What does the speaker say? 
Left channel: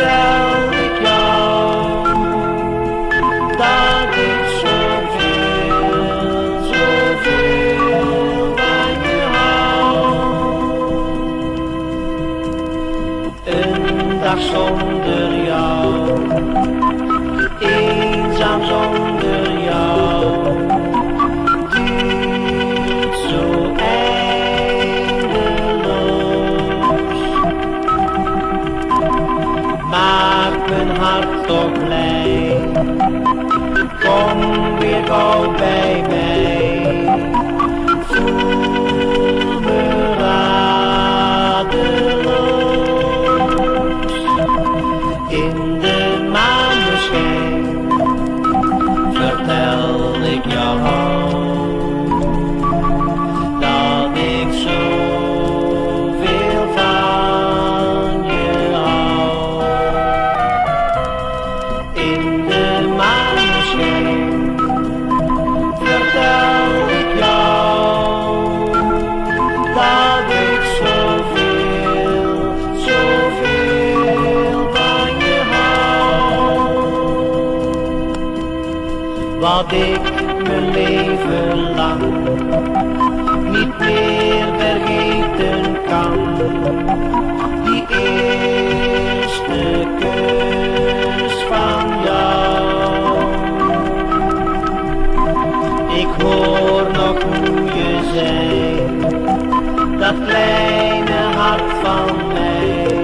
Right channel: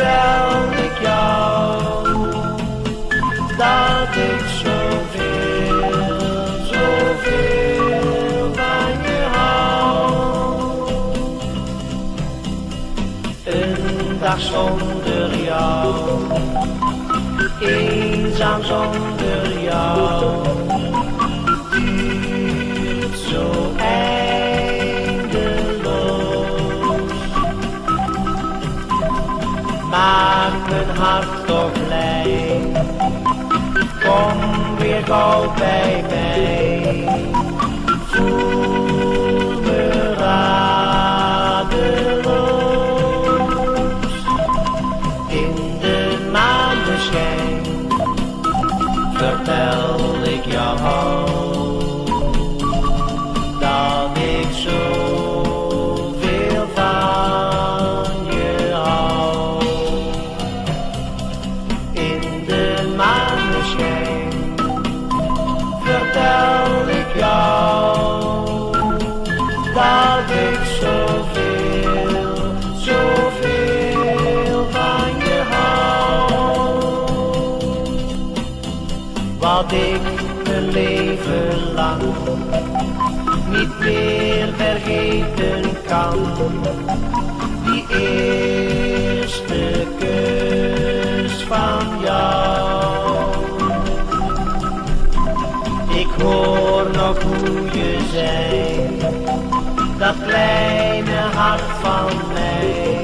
vertel ik jou dat ik zoveel, zoveel van je hou. Een dag zonder jou, eenzaam zonder jou, duurt zo eindeloos. Maakt mijn hart toch blij, kom weer gauw bij mij. Voel me radeloos in de maneschijn. Vertel ik jou dat ik zoveel van je hou. In de maneschijn vertel ik jou dat ik zoveel, zoveel van je hou. Wat ik mijn leven lang niet meer vergeten kan, die eerste kus van jou. Ik hoor nog hoe je zei, dat kleine hart van mij.